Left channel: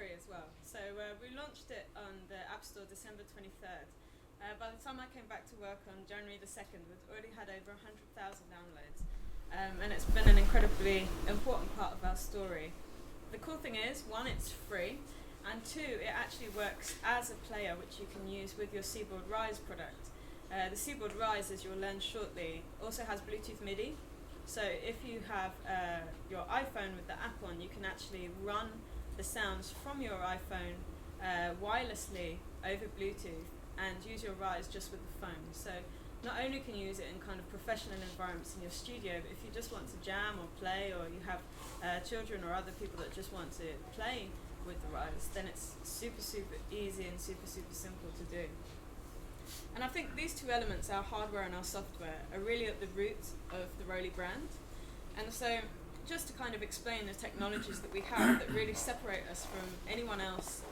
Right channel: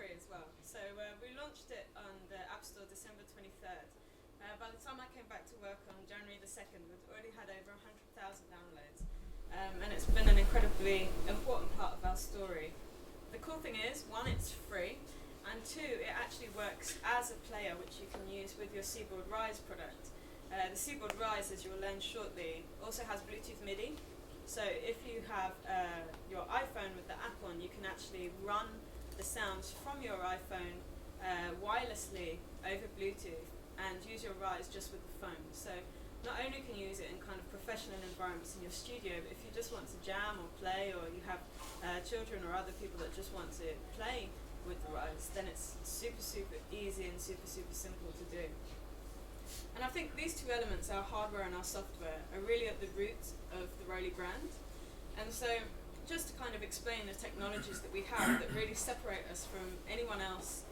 free as well. So we launched it on the App Store December 23rd. By the time I came back to work on January the 2nd, we'd already had over 100,000 downloads. And it's been an incredibly important part of our story. The cool thing is, one, it's free, and two, it actually works as a player which you can use with your Seaboard Rise product. The Seaboard Rise, as you'll learn shortly, also has Bluetooth MIDI. So if you have your iPhone with the app on, you can actually run the sounds from your iPhone wirelessly over Bluetooth and use your Rise just with the phone. So not only can you use it in kind of professional environments in your studio, but if you just want to jam or play, or you have children or other people that just want to play with the Rise, then it's super, super easy and super, super simple to do. And I think these two elements, our hardware and our software, are really at the root of the ROLI brand. And so just to kind of explain the technologies that we have that really separate us from anyone else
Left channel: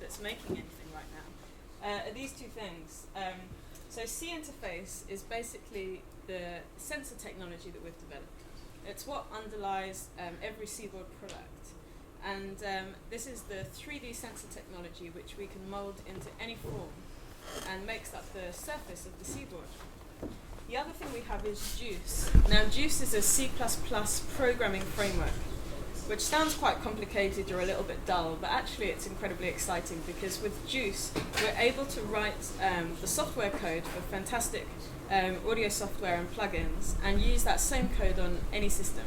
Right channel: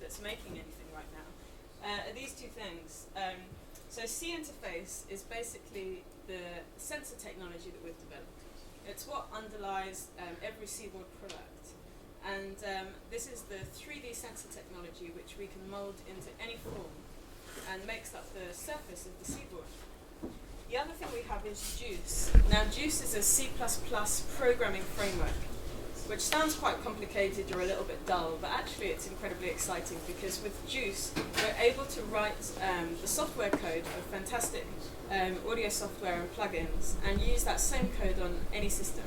that's making anything right now, are these two things. So C interface is basically the sensor technology that we've developed. It's what underlies every Seaboard product. And this is the 3D sensor technology which we can mold into any form and makes up the surface of the Seaboard. The other thing we have is Juice. Now Juice is a C++ programming framework, which sounds quite complicated or a little bit dull, but actually it's incredibly exciting because with Juice we're able to write the software code for fantastic audio software and plugins and use that same code on any system,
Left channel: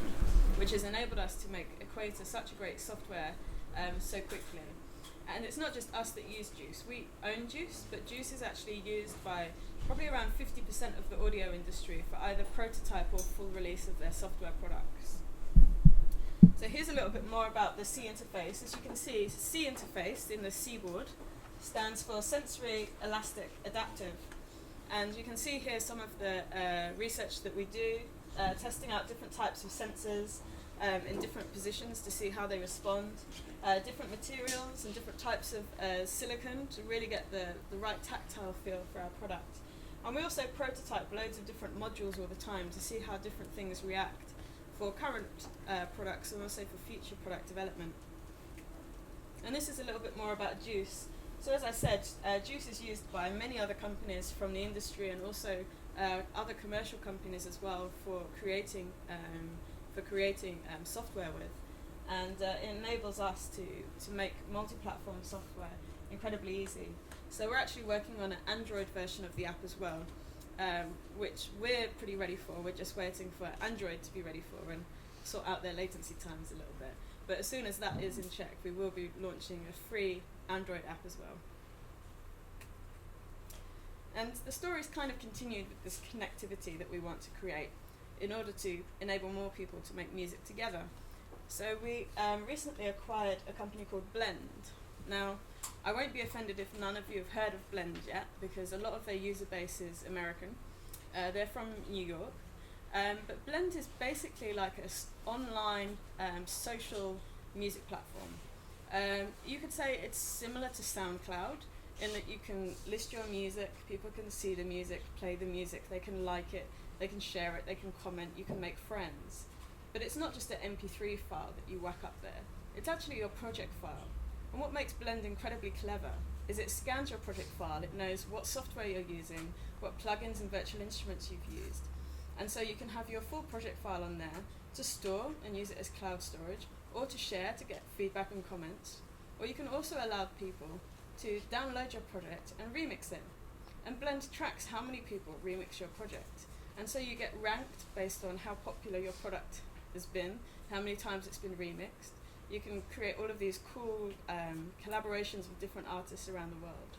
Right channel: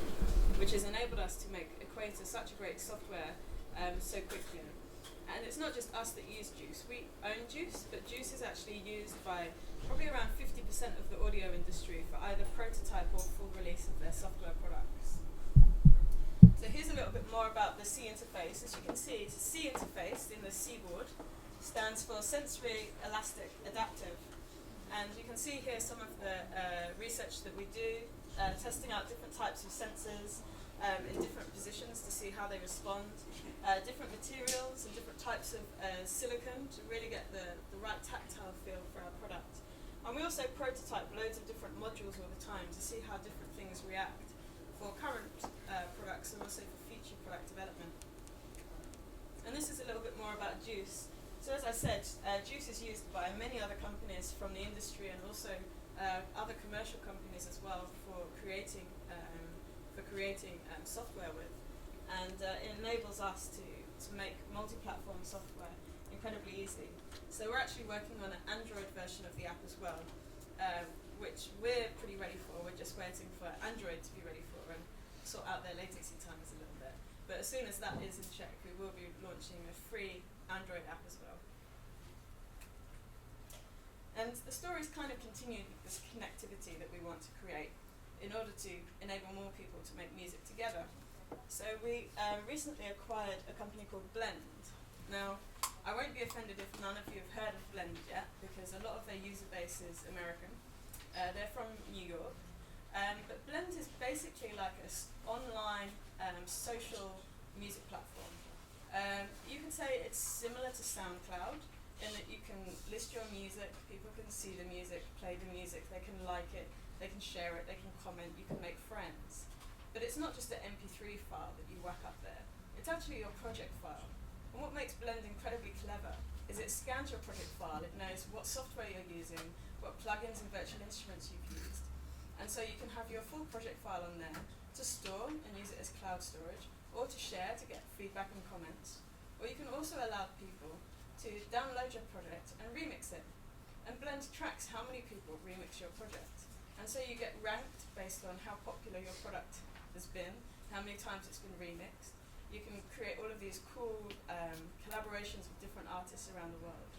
which has enabled us to make Equator such a great software so quickly. And it's not just us that use Juice. We own Juice, but Juice is actually used by probably around 50% of the audio industry for either prototype or full release of their software products. So here's a little bit more about the C interface. As you can see, C interface in the Seaboard stands for Sensory Elastic Adaptive. And you can see here some of the research that we do, testing out different types of sensors in different positions to see how they respond, different materials and different types of silicon to really get the right tactile feel for our product. And we also prototype loads of different modules all the time to see how different things react for current products and also for future product development. And this is a little bit more about Juice. So as I said, Juice is used by many other companies from the industry and also other commercial companies as well for creating software with. And it enables us to make multi-platform software incredibly easy. So we're actually working on an Android version of the app as well, which we're pretty ready for. We're just waiting for Android to be ready for and sort out their latency times a little bit. But as soon as that is in check, we will be launching a free Android app as well. And the story's kind of continued with this connectivity that we want to create in order to enable more people to make music together. So we recently acquired a company called Blend. Now, I won't be offended if none of you have heard of Blend yet, because a lot of their user base is American. They're from New York. But Blend is basically like an online social music platform. You could say it's similar to SoundCloud in that you can list your music, people can see the music, play the music, they can like it, they can share it, they can comment, you can make friends. But it's not just an MP3 file that you whack up there. It's actually your project file. And what makes Blend incredibly clever is it scans your project file, it knows what software you're using, what plugins and virtual instruments you've used. And so you can have your full project file on there to store and use it as cloud storage, or to share to get feedback and comments. Or you can also allow people to download your project and remix it. And Blend tracks how many people remix your project. And so you get ranked based on how popular your product has been, how many times it's been remixed. You can create all of these cool collaborations with different artists around the world.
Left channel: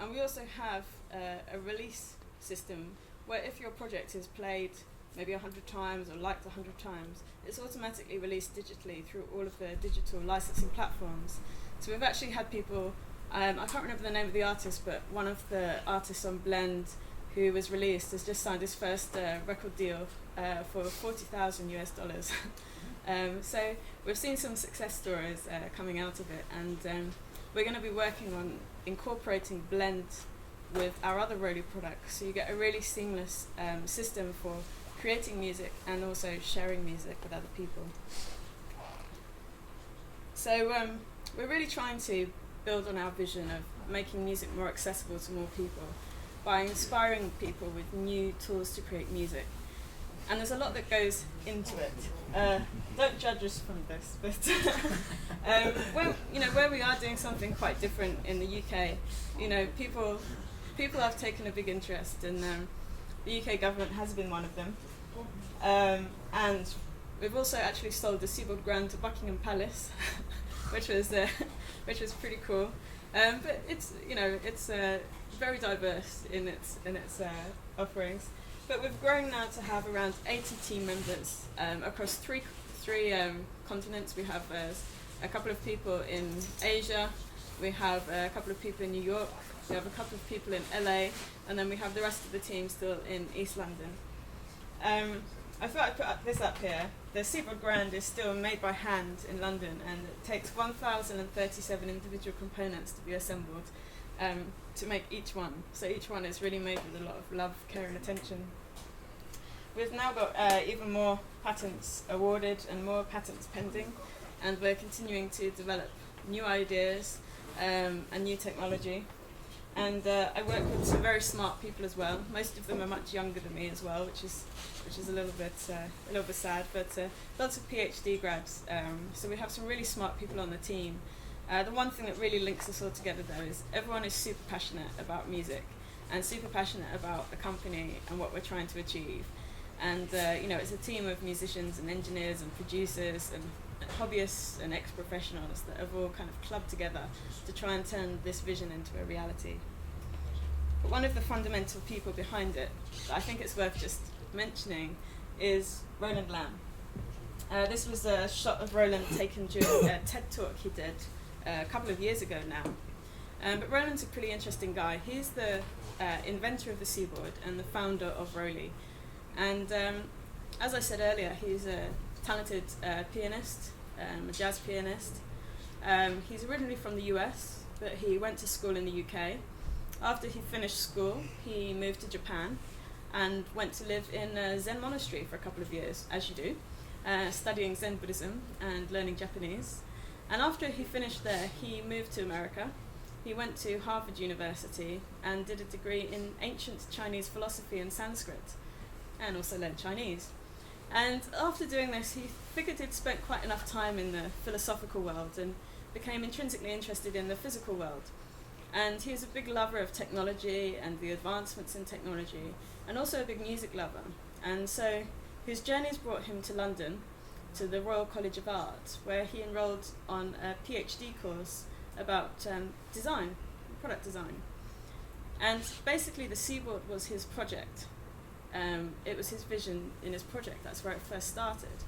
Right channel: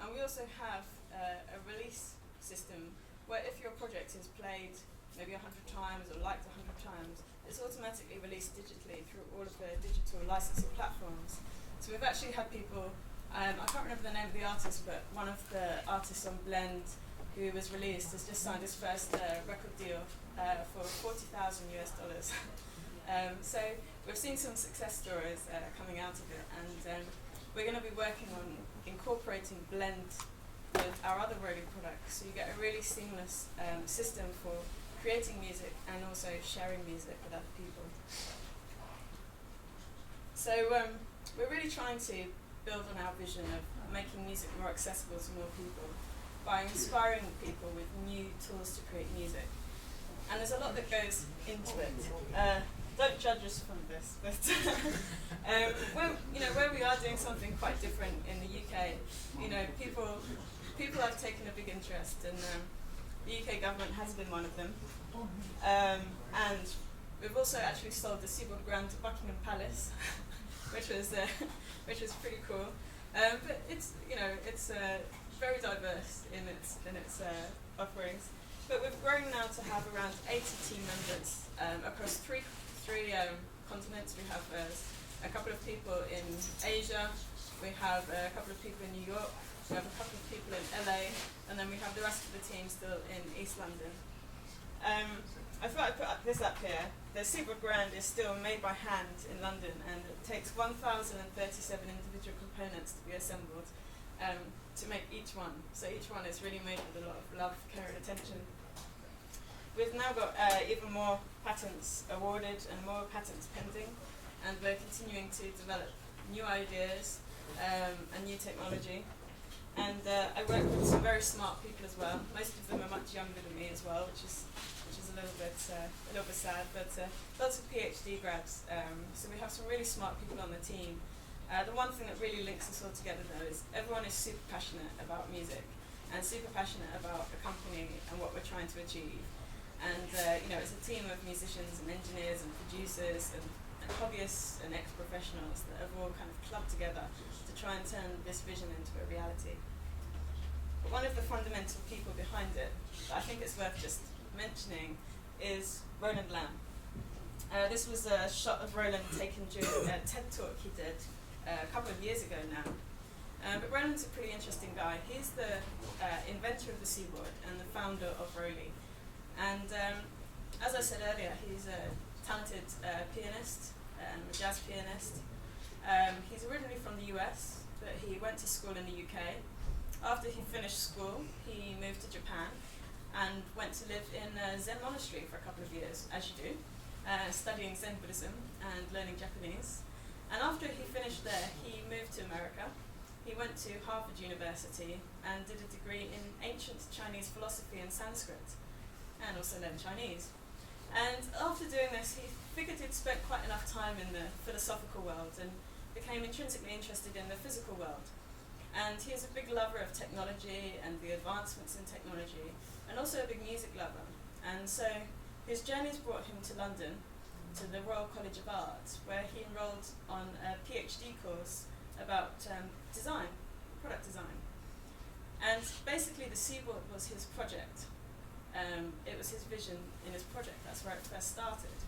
And we also have a release system where if your project is played maybe 100 times or liked 100 times, it's automatically released digitally through all of the digital licensing platforms. So we've actually had people, I can't remember the name of the artist, but one of the artists on Blend who was released has just signed his first record deal for $40,000 US. So we've seen some success stories coming out of it, and we're going to be working on incorporating Blend with our other ROLI products, so you get a really seamless system for creating music and also sharing music with other people. So we're really trying to build on our vision of making music more accessible to more people by inspiring people with new tools to create music. And there's a lot that goes into it. Don't judge us from this, but where we are doing something quite different in the UK, people have taken a big interest, and the UK government has been one of them. And we've also actually sold the Seaboard Grand to Buckingham Palace, which was pretty cool. But it's very diverse in its offerings. But we've grown now to have around 80 team members across three continents. We have a couple of people in Asia, we have a couple of people in New York, we have a couple of people in LA, and then we have the rest of the team still in East London. I thought I'd put this up here. The Seaboard Grand is still made by hand in London, and it takes 1,037 individual components to be assembled to make each one. So each one is really made with a lot of love, care and attention. We've now got even more patents awarded and more patents pending, and we're continuing to develop new ideas and new technology. And I work with some very smart people as well. Most of them are much younger than me as well, which is a little bit sad. But lots of PhD grads. So we have some really smart people on the team. The one thing that really links us all together, though, is everyone is super passionate about music and super passionate about the company and what we're trying to achieve. And it's a team of musicians and engineers and producers and hobbyists and ex-professionals that have all kind of clubbed together to try and turn this vision into a reality. But one of the fundamental people behind it that I think it's worth just mentioning is Roland Lamb. This was a shot of Roland taken during a TED talk he did a couple of years ago now. But Roland's a pretty interesting guy. He's the inventor of the Seaboard and the founder of ROLI. And as I said earlier, he's a talented pianist, a jazz pianist. He's originally from the US, but he went to school in the UK. After he finished school, he moved to Japan and went to live in a Zen monastery for a couple of years, as you do, studying Zen Buddhism and learning Japanese. And after he finished there, he moved to America. He went to Harvard University and did a degree in ancient Chinese philosophy and Sanskrit, and also learned Chinese. And after doing this, he figured he'd spent quite enough time in the philosophical world and became intrinsically interested in the physical world. And he is a big lover of technology and the advancements in technology, and also a big music lover. And so his journeys brought him to London, to the Royal College of Art, where he enrolled on a PhD course about design, product design. And basically the Seaboard was his project. It was his vision in his project. That's where it first started.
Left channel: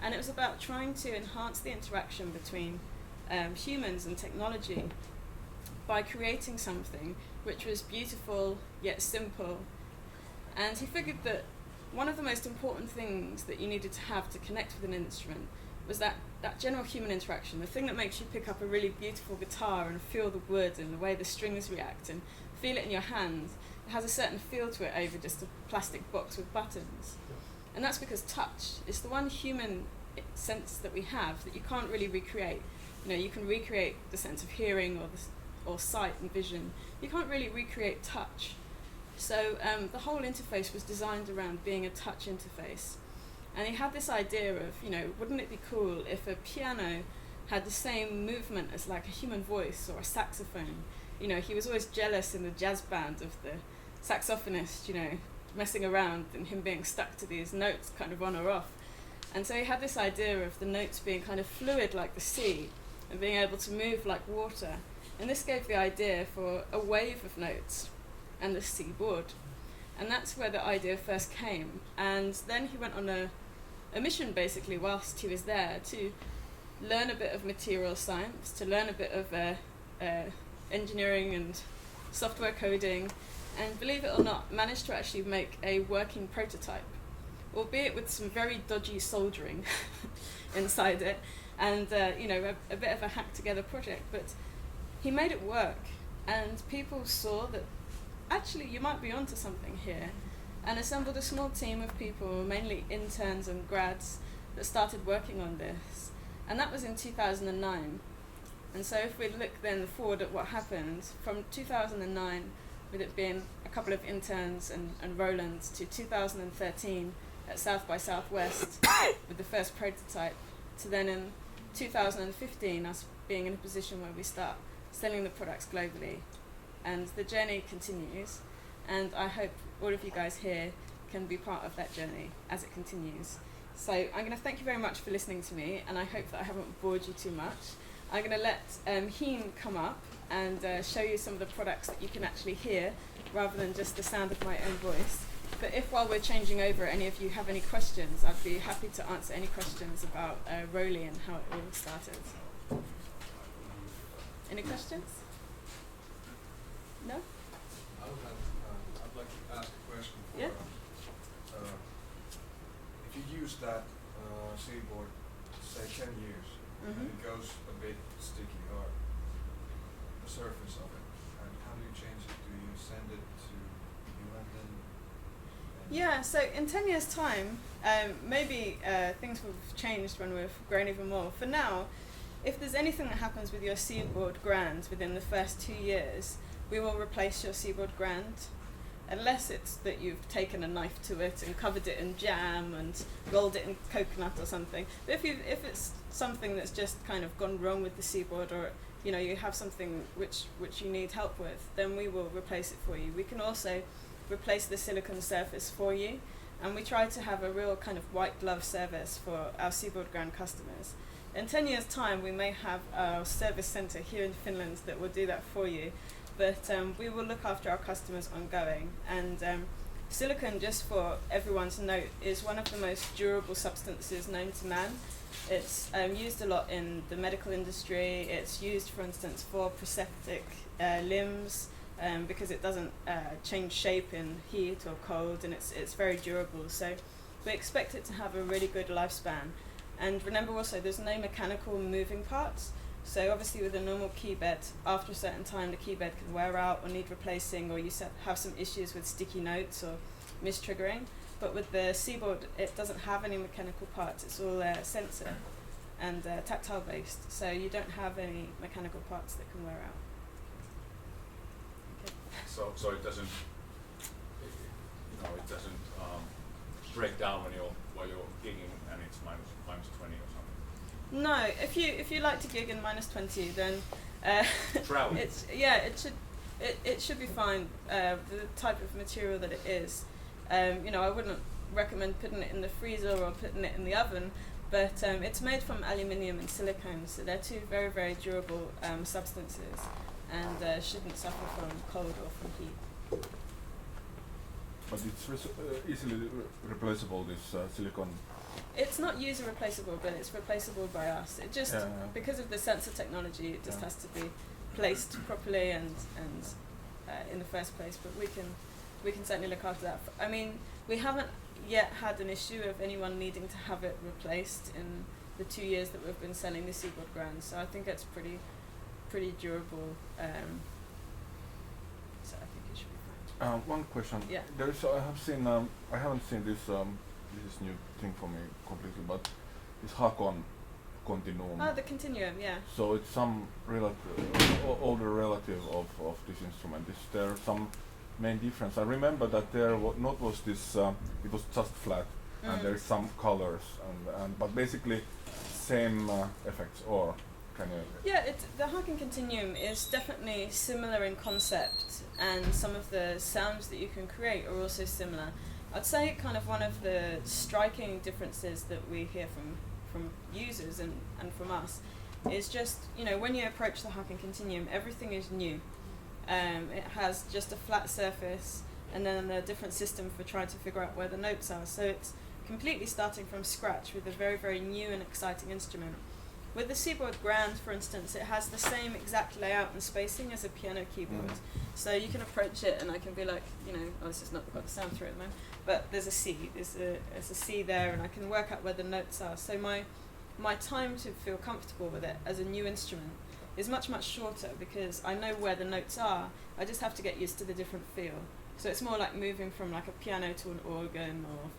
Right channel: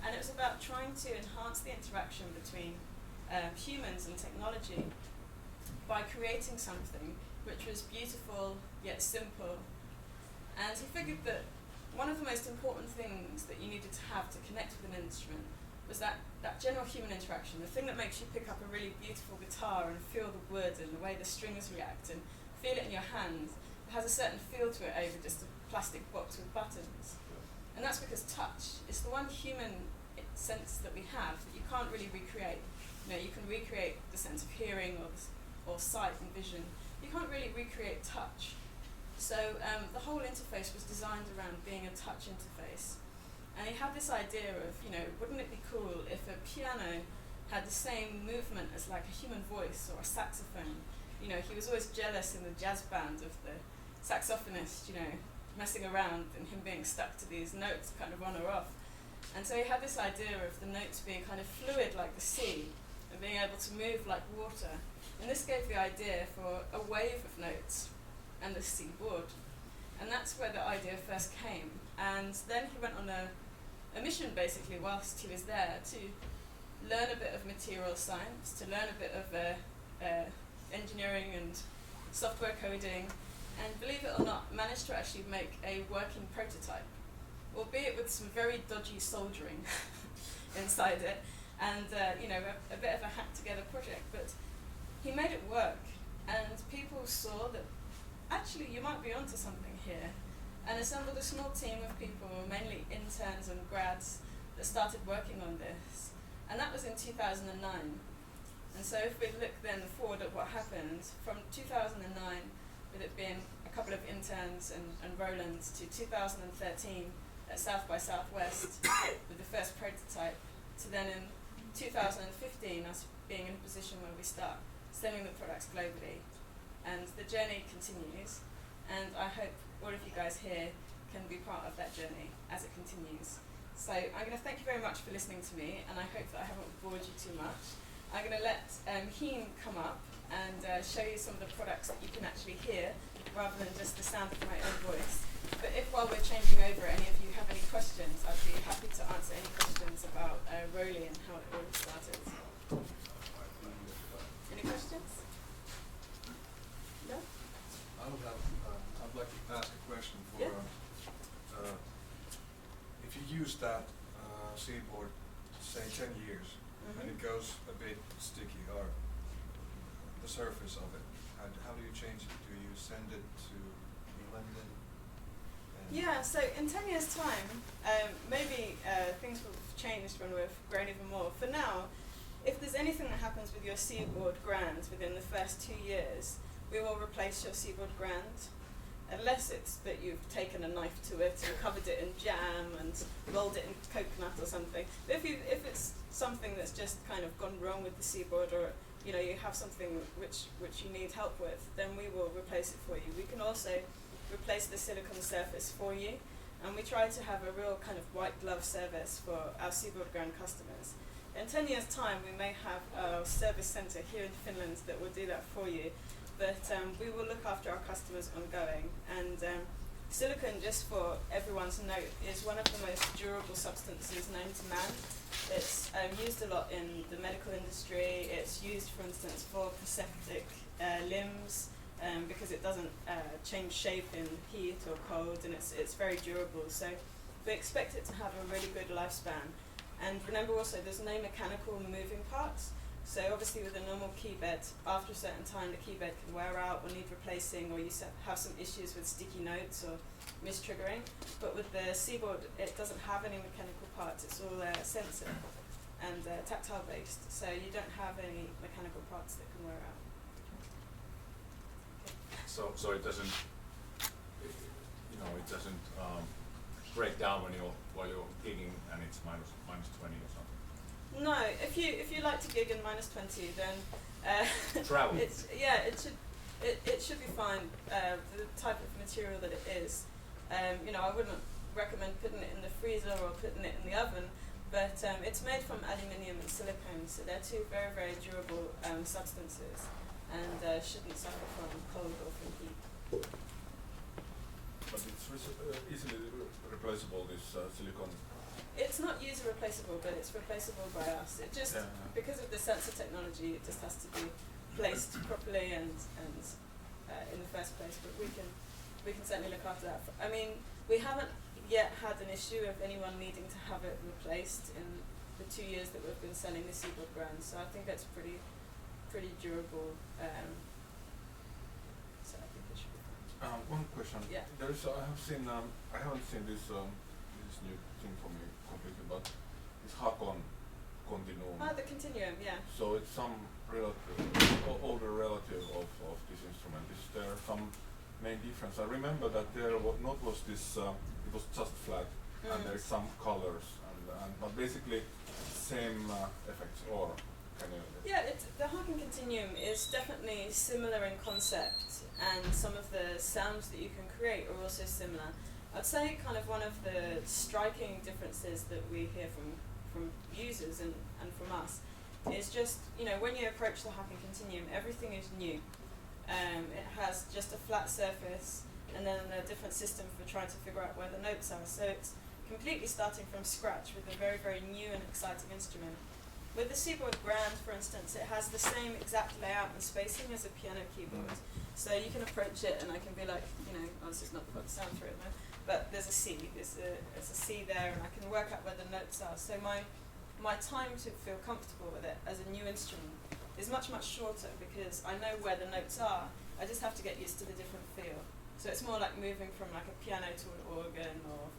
And it was about trying to enhance the interaction between humans and technology by creating something which was beautiful yet simple. And he figured that one of the most important things that you needed to have to connect with an instrument was that general human interaction, the thing that makes you pick up a really beautiful guitar and feel the wood and the way the strings react and feel it in your hand. It has a certain feel to it over just a plastic box with buttons. And that's because touch is the one human sense that we have that you can't really recreate. You can recreate the sense of hearing or sight and vision. You can't really recreate touch. So the whole interface was designed around being a touch interface. And he had this idea of, wouldn't it be cool if a piano had the same movement as like a human voice or a saxophone? He was always jealous in the jazz band of the saxophonist, messing around and him being stuck to these notes kind of on or off. And so he had this idea of the notes being kind of fluid like the sea and being able to move like water. And this gave the idea for a wave of notes and the Seaboard. And that's where the idea first came. And then he went on a mission basically whilst he was there to learn a bit of material science, to learn a bit of engineering and software coding, and believe it or not, managed to actually make a working prototype, albeit with some very dodgy soldering inside it, and a bit of a hacked together project, but he made it work, and people saw that actually you might be onto something here, and assembled a small team of people, mainly interns and grads, that started working on this. And that was in 2009. And so if we look then forward at what happened from 2009, with it being a couple of interns and Rolands, to 2013 at South by Southwest with the first prototype, to then in 2015 us being in a position where we start selling the products globally. And the journey continues, and I hope all of you guys here can be part of that journey as it continues. So I'm going to thank you very much for listening to me, and I hope that I haven't bored you too much. I'm going to let Heen come up and show you some of the products that you can actually hear rather than just the sound of my own voice. But if while we're changing over any of you have any questions, I'd be happy to answer any questions about ROLI and how it all started. Any questions? No? I'd like to ask a question for, Yeah. If you use that Seaboard, say 10 years, and it goes a bit sticky or the surface of it, how do you change it? Do you send it to New London? Yeah, so in 10 years' time, maybe things will have changed when we've grown even more. For now, if there's anything that happens with your Seaboard Grand within the first 2 years, we will replace your Seaboard Grand, unless it's that you've taken a knife to it and covered it in jam and rolled it in coconut or something. But if it's something that's just kind of gone wrong with the Seaboard, or you know you have something which you need help with, then we will replace it for you. We can also replace the silicone surface for you, and we try to have a real kind of white glove service for our Seaboard Grand customers. In 10 years' time, we may have a service centre here in Finland that will do that for you, but we will look after our customers ongoing. And silicone, just for everyone to note, is one of the most durable substances known to man. It's used a lot in the medical industry. It's used, for instance, for prosthetic limbs, because it doesn't change shape in heat or cold, and it's very durable. So we expect it to have a really good lifespan. And remember also, there's no mechanical moving parts. So obviously with a normal key bed, after a certain time the key bed can wear out or need replacing, or you have some issues with sticky notes or mistriggering. But with the Seaboard, it doesn't have any mechanical parts. It's all sensor and tactile based. So you don't have any mechanical parts that can wear out. Okay. So it doesn't, it doesn't break down while you're gigging and it's minus 20 or something. No, if you like to gig in minus 20, then travel. It should be fine. The type of material that it is, I wouldn't recommend putting it in the freezer or putting it in the oven, but it's made from aluminium and silicone, so they're two very, very durable substances, and shouldn't suffer from cold or from heat. But it's easily replaceable, this silicone. It's not user replaceable, but it's replaceable by us. It just, because of the sensor technology, it just has to be placed properly and in the first place. But we can certainly look after that. I mean, we haven't yet had an issue of anyone needing to have it replaced in the 2 years that we've been selling the Seaboard Grand. So I think it's pretty durable. So I think it should be fine. One question. Yeah. I haven't seen this. This is new thing for me completely, but it's Hakon Continuum. Oh, the Continuum, yeah. So it's some older relative of this instrument. Is there some main difference? I remember that there was this. It was just flat, and there is some colors, but basically same effects. Or can you? Yeah, the Hakon Continuum is definitely similar in concept, and some of the sounds that you can create are also similar. I'd say kind of one of the striking differences that we hear from users and from us is just, when you approach the Hakon Continuum, everything is new. It has just a flat surface and then a different system for trying to figure out where the notes are. So it's completely starting from scratch with a very, very new and exciting instrument. With the Seaboard Grand, for instance, it has the same exact layout and spacing as a piano keyboard. So you can approach it and I can be like, this has not got the sound through it, man. But there's a C, there's a C there, and I can work out where the notes are. So my time to feel comfortable with it as a new instrument is much, much shorter because I know where the notes are. I just have to get used to the different feel. So it's more like moving from like a piano to an organ, or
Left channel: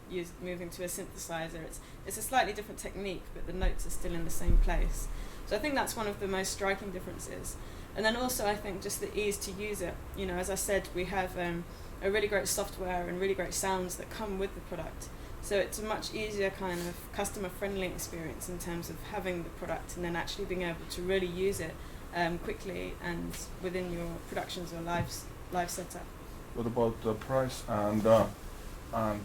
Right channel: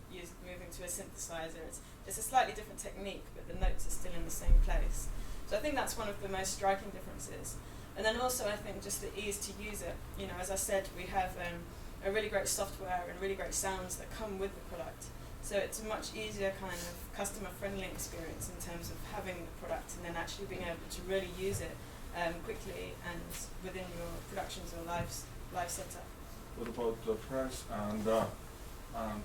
moving to a synthesizer. It's a slightly different technique, but the notes are still in the same place. So I think that's one of the most striking differences. And then also I think just the ease to use it. You know, as I said, we have a really great software and really great sounds that come with the product. So it's a much easier kind of customer-friendly experience in terms of having the product and then actually being able to really use it quickly and within your productions or live setup. What about the price and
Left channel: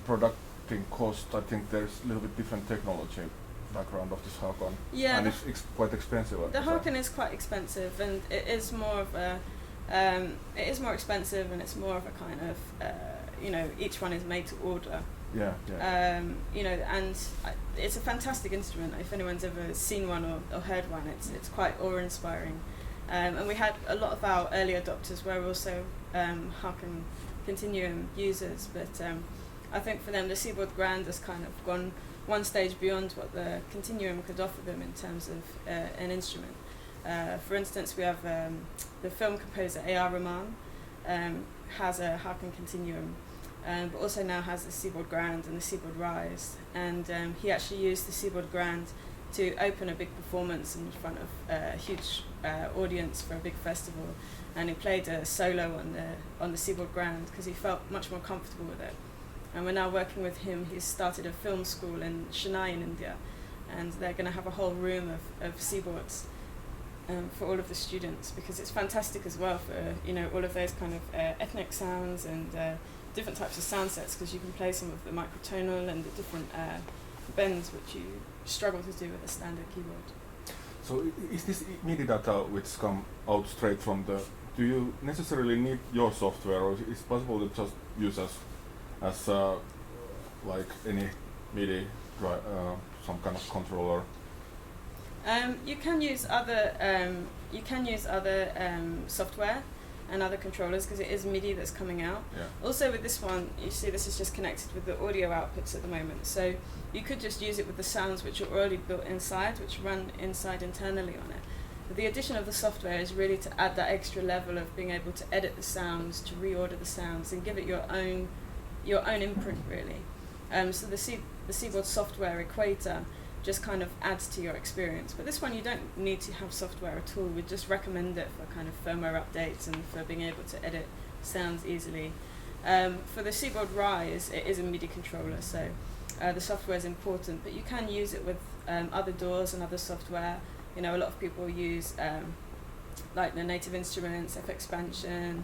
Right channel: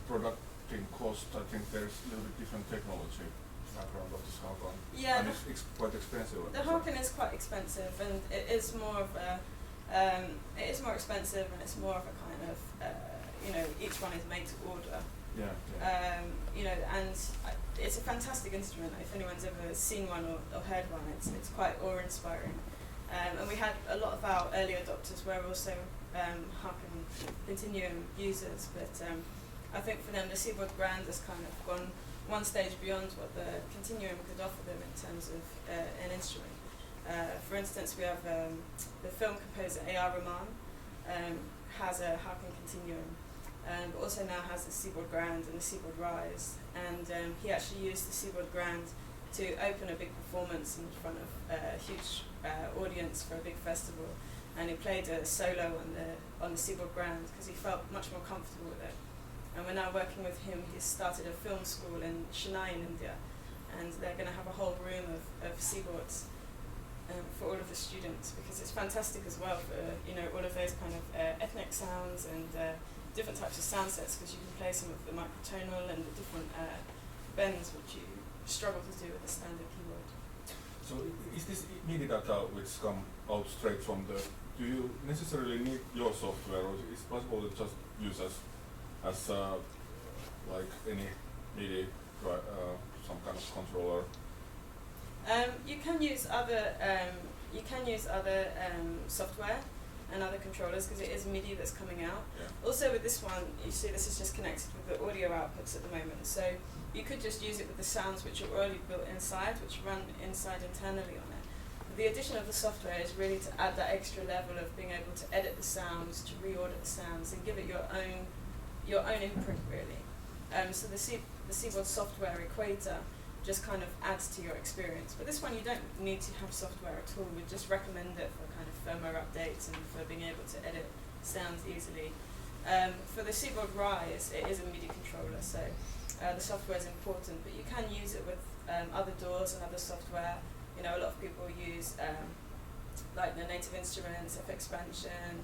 producting cost? I think there's a little bit different technology background of this Hakon. Yeah, and it's quite expensive. The Hakon is quite expensive, and it is more of a it is more expensive, and it's more of a kind of you know, each one is made to order. Yeah, yeah. You know, and it's a fantastic instrument. If anyone's ever seen one or heard one, it's quite awe-inspiring. And we had a lot of our early adopters were also Hakon Continuum users, but I think for them the Seaboard Grand has kind of gone one stage beyond what the Continuum could offer them in terms of an instrument. For instance, we have the film composer A.R. Rahman has a Hakon Continuum, but also now has the Seaboard Grand and the Seaboard Rise, and he actually used the Seaboard Grand to open a big performance in front of a huge audience for a big festival, and he played a solo on the Seaboard Grand because he felt much more comfortable with it. And we're now working with him. He's started a film school in Chennai in India, and they're going to have a whole room of Seaboards for all of the students, because it's fantastic as well for, you know, all of those kind of ethnic sounds and different types of sound sets, because you can play some of the microtonal and the different bends which you struggle to do with a standard keyboard. So is this MIDI data which come out straight from the, do you necessarily need your software, or is it possible to just use as like any MIDI some kind of controller? You can use other software and other controllers, because it is MIDI that's coming out. Yeah. Also with this one, you see this is just connected with the audio outputs at the moment, so you could just use it with the sounds which are already built inside, which run inside internally on it. But the addition of the software is really to add that extra level of being able to edit the sounds, to reorder the sounds, and give it your own imprint, really. So the Seaboard software equator just kind of adds to your experience. But this one you don't need to have software at all. We just recommend it for kind of firmware updates and for being able to edit sounds easily. For the Seaboard Rise, it is a MIDI controller, so the software is important, but you can use it with other DAWs and other software. You know, a lot of people use like the Native Instruments, FXpansion,